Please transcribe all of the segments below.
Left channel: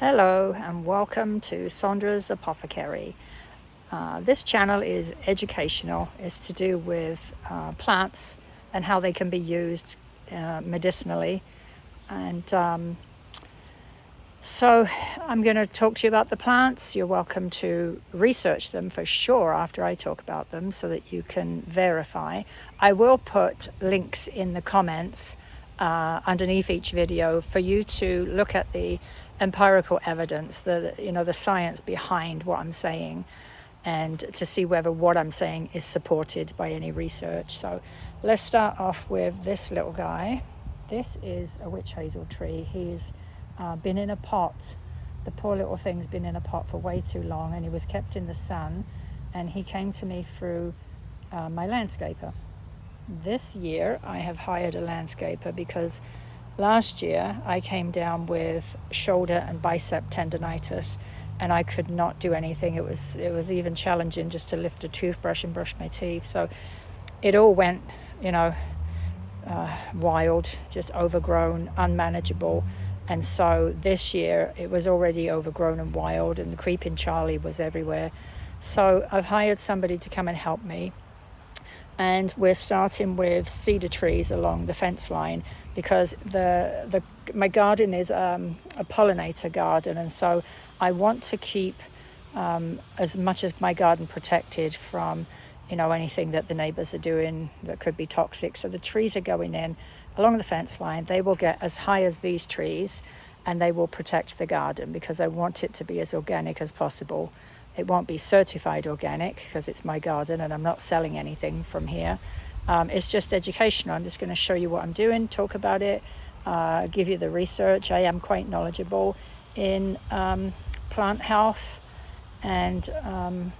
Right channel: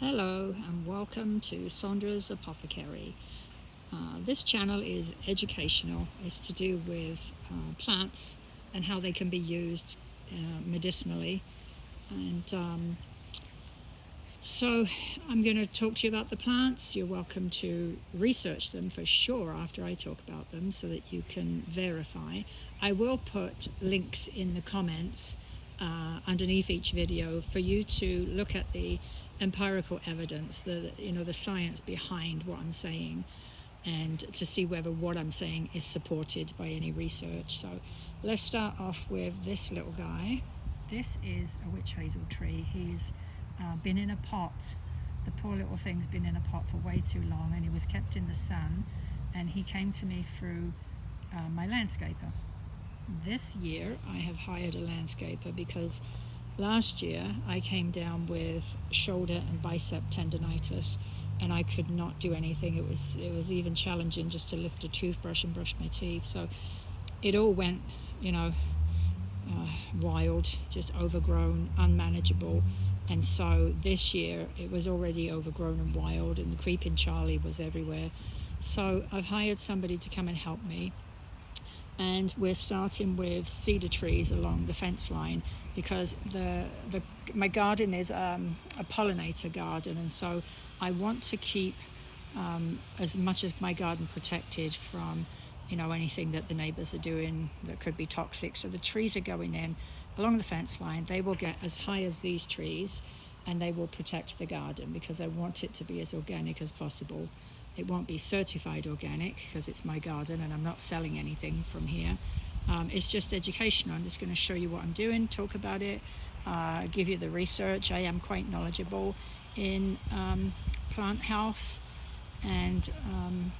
Hello and welcome to Sondra's Apothecary. This channel is educational. It's to do with plants and how they can be used medicinally. And so I'm going to talk to you about the plants. You're welcome to research them for sure after I talk about them so that you can verify. I will put links in the comments underneath each video for you to look at the empirical evidence, the science behind what I'm saying, and to see whether what I'm saying is supported by any research. So let's start off with this little guy. This is a witch hazel tree. He's been in a pot. The poor little thing's been in a pot for way too long, and he was kept in the sun, and he came to me through my landscaper. This year I have hired a landscaper because last year I came down with shoulder and bicep tendonitis and I could not do anything. It was even challenging just to lift a toothbrush and brush my teeth. So it all went, wild, just overgrown, unmanageable. And so this year it was already overgrown and wild, and the creeping Charlie was everywhere. So I've hired somebody to come and help me. And we're starting with cedar trees along the fence line because my garden is a pollinator garden, and so I want to keep as much as my garden protected from anything that the neighbors are doing that could be toxic. So the trees are going in along the fence line. They will get as high as these trees and they will protect the garden because I want it to be as organic as possible. It won't be certified organic because it's my garden and I'm not selling anything from here. It's just educational. I'm just going to show you what I'm doing, talk about it, give you the research. I am quite knowledgeable in plant health, and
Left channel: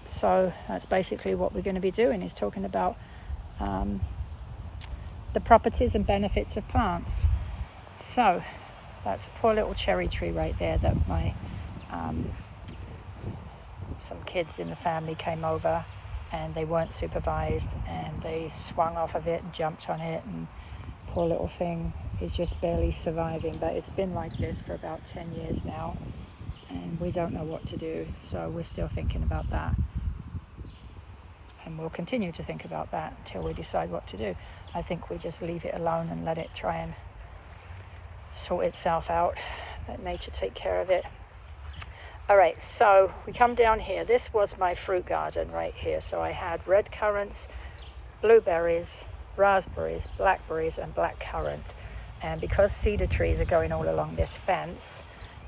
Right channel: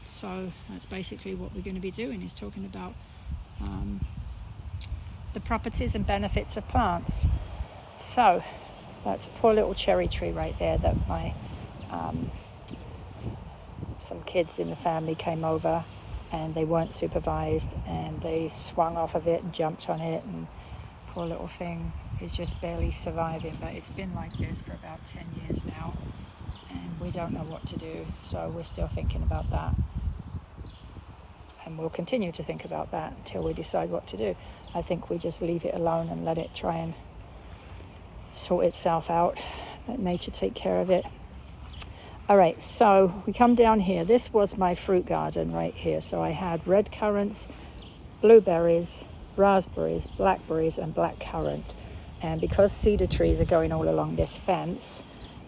so that's basically what we're going to be doing, is talking about the properties and benefits of plants. So that's a poor little cherry tree right there that my some kids in the family came over and they weren't supervised and they swung off of it and jumped on it, and poor little thing is just barely surviving. But it's been like this for about 10 years now and we don't know what to do, so we're still thinking about that, and we'll continue to think about that until we decide what to do. I think we just leave it alone and let it try and sort itself out, let nature take care of it. All right, so we come down here. This was my fruit garden right here. So I had red currants, blueberries, raspberries, blackberries, and black currant. And because cedar trees are going all along this fence,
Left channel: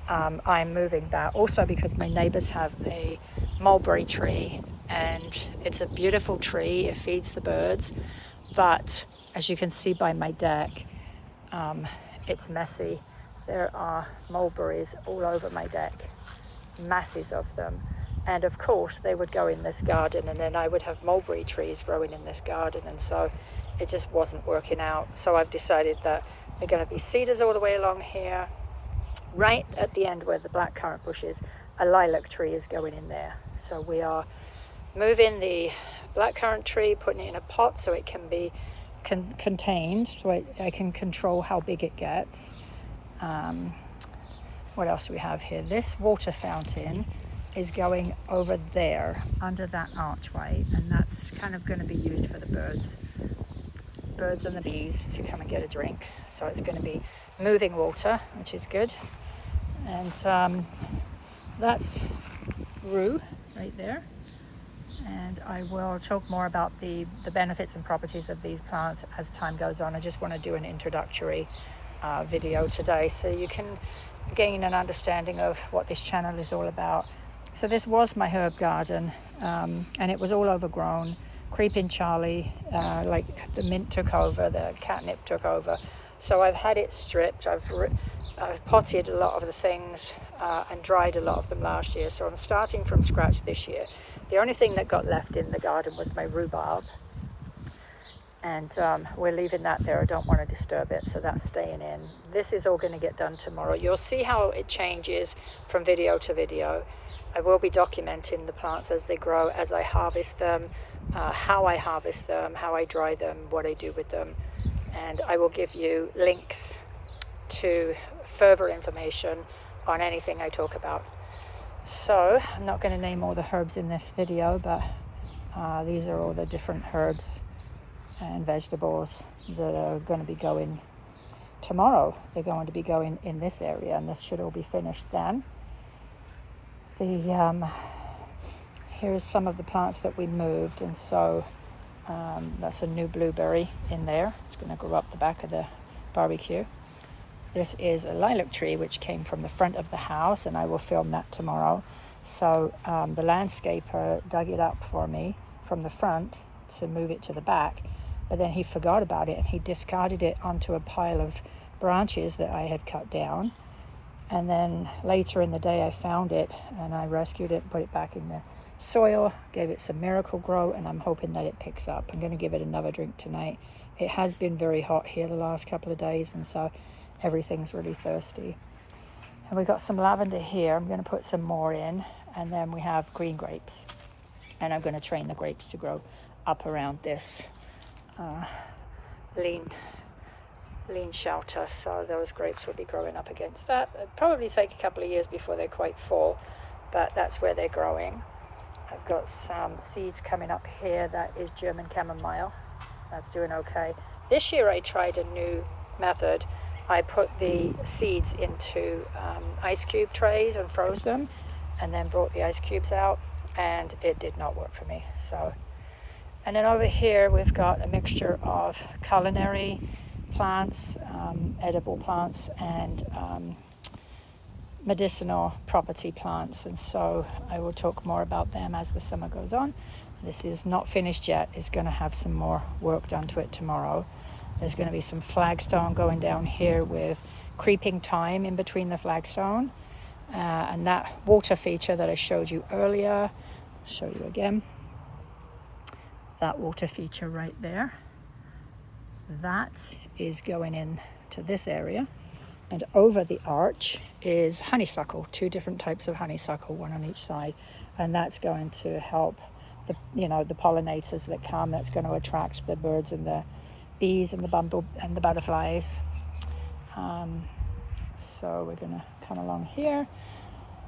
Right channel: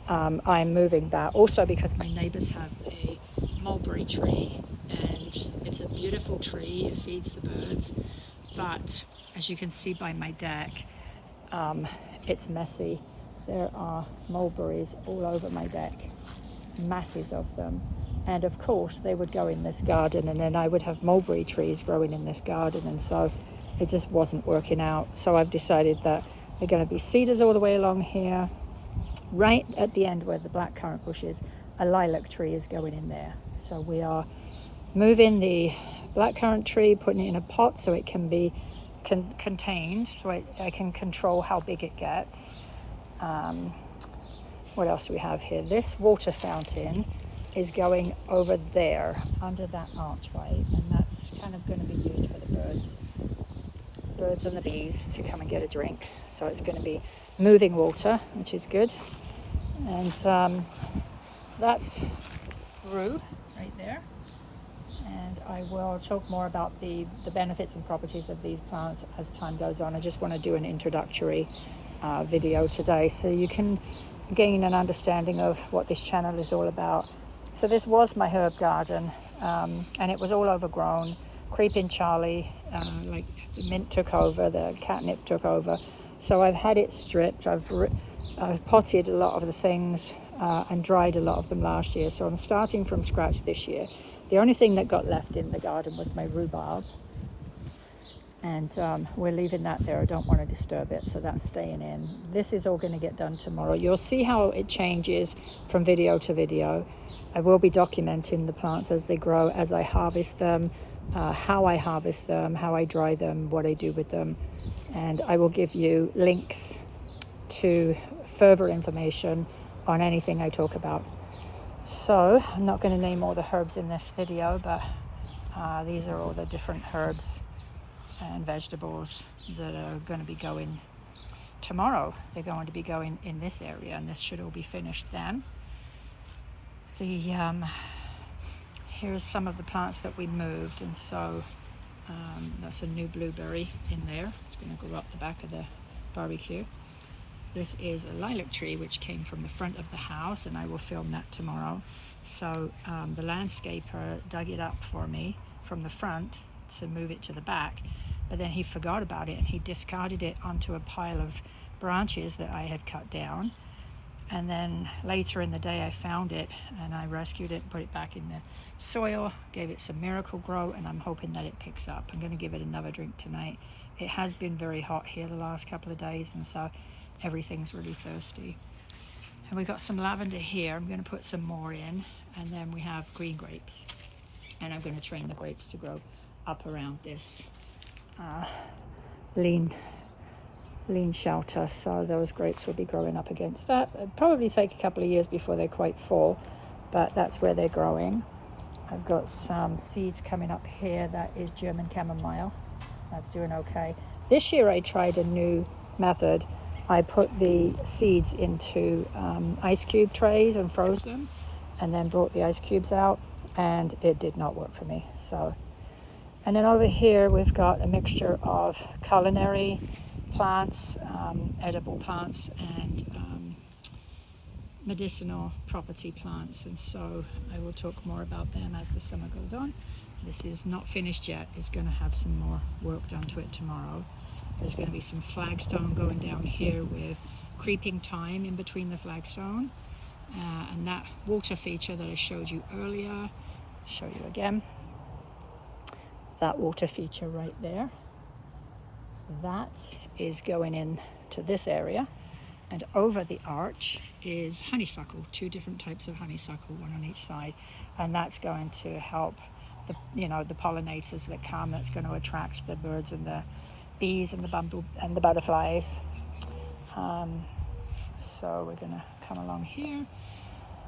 I'm moving that. Also because my neighbors have a mulberry tree, and it's a beautiful tree. It feeds the birds. But as you can see by my deck, it's messy. There are mulberries all over my deck. Masses of them, and of course they would go in this garden, and then I would have mulberry trees growing in this garden, and so it just wasn't working out. So I've decided that they're going to be cedars all the way along here. Right at the end where the blackcurrant bush is, a lilac tree is going in there. So we are moving the blackcurrant tree, putting it in a pot so it can be contained, so I can control how big it gets. What else do we have here? This water fountain is going over there under that archway, and that's kind of going to be used for the birds and the bees to come and get a drink. So it's going to be moving water, which is good. And that's Rue right there. And I will talk more about the benefits and properties of these plants as time goes on. I just want to do an introductory video today so you can gain an understanding of what this channel is all about. So this was my herb garden, and it was all overgrown. Creeping Charlie, like the mint took over, the catnip took over. So I've had it stripped. I've potted a lot of the things and dried a lot of them last year. So I'm starting from scratch this year. The only thing that got left in the garden was my rhubarb, and we're leaving that there. I don't want to disturb it, so that's staying in. This is all going to get done tomorrow. You'll see how it changes from video to video. I will be documenting the plants as they grow, as I harvest them, how I harvest them, how I dry them, what I do with them, and I will give you links to further information on anything I talk about. So I'm not going to name all the herbs in this video, but these are all the different herbs and vegetables that are going to be going tomorrow. They're going to be going in this area, and this should all be finished then. Here's some of the plants that we moved, and so that's a new blueberry in there. It's going to grow up the back of the barbecue. This is a lilac tree which came from the front of the house, and I will film that tomorrow. So the landscaper dug it up for me from the front to move it to the back, but then he forgot about it and he discarded it onto a pile of branches that I had cut down. And then later in the day I found it and I rescued it, put it back in the soil, gave it some Miracle-Gro, and I'm hoping that it picks up. I'm going to give it another drink tonight. It has been very hot here the last couple of days, and so everything's really thirsty. And we got some lavender here. I'm going to put some more in, and then we have green grapes, and I'm going to train the grapes to grow up around this lean shelter, so those grapes will be growing up against that. It'll probably take a couple of years before they're quite full, but that's where they're growing. I've got some seeds coming up here. That is German chamomile. That's doing okay. This year I tried a new method. I put the seeds into ice cube trays and froze them, and then brought the ice cubes out, and it did not work for me. So, and then over here we've got a mixture of culinary plants, edible plants, and medicinal property plants, and so I will talk more about them as the summer goes on. This is not finished yet. It's going to have some more work done to it tomorrow. There's going to be some flagstone going down here with creeping thyme in between the flagstone, and that water feature that I showed you earlier, I'll show you again, that water feature right there, that is going into this area. And over the arch is honeysuckle, 2 different types of honeysuckle, one on each side, and that's going to help the pollinators that come. That's going to attract the birds and the bees and the butterflies. So we're going to come along here,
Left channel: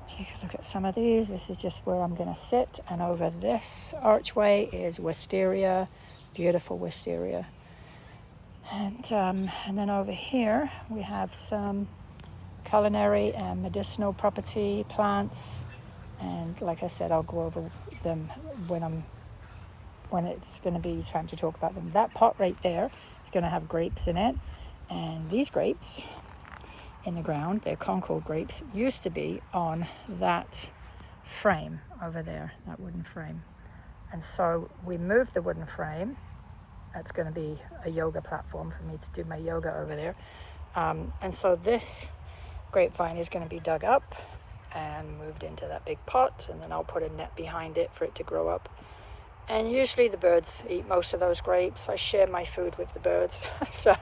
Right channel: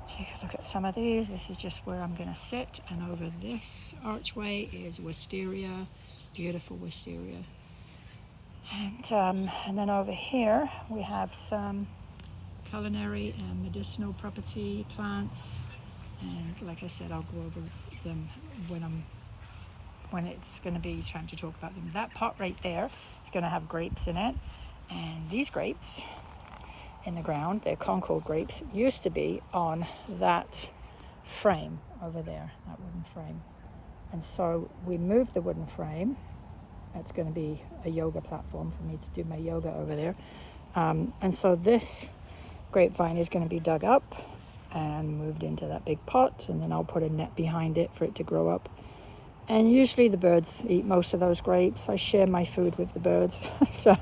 take a look at some of these. This is just where I'm going to sit, and over this archway is wisteria, beautiful wisteria. And then over here we have some culinary and medicinal property plants, and like I said, I'll go over them when it's going to be time to talk about them. That pot right there is going to have grapes in it, and these grapes in the ground, they're Concord grapes, used to be on that frame over there, that wooden frame. And so we moved the wooden frame. That's going to be a yoga platform for me to do my yoga over there. And so this grapevine is going to be dug up and moved into that big pot, and then I'll put a net behind it for it to grow up. And usually the birds eat most of those grapes. I share my food with the birds, so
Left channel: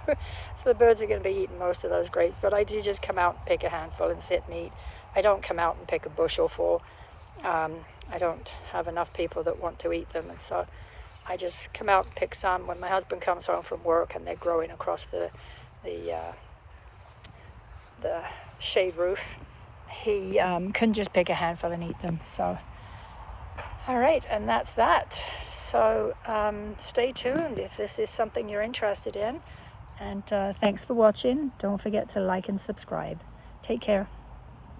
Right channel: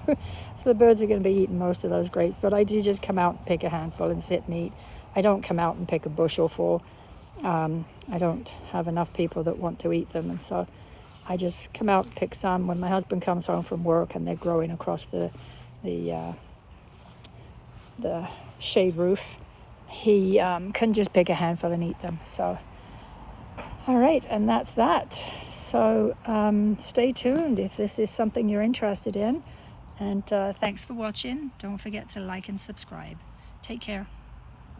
the birds are going to be eating most of those grapes, but I do just come out and pick a handful and sit and eat. I don't come out and pick a bushel full. I don't have enough people that want to eat them, and so I just come out and pick some when my husband comes home from work and they're growing across the shade roof. He couldn't just pick a handful and eat them. So, all right, and that's that. So stay tuned if this is something you're interested in. And thanks for watching. Don't forget to like and subscribe. Take care.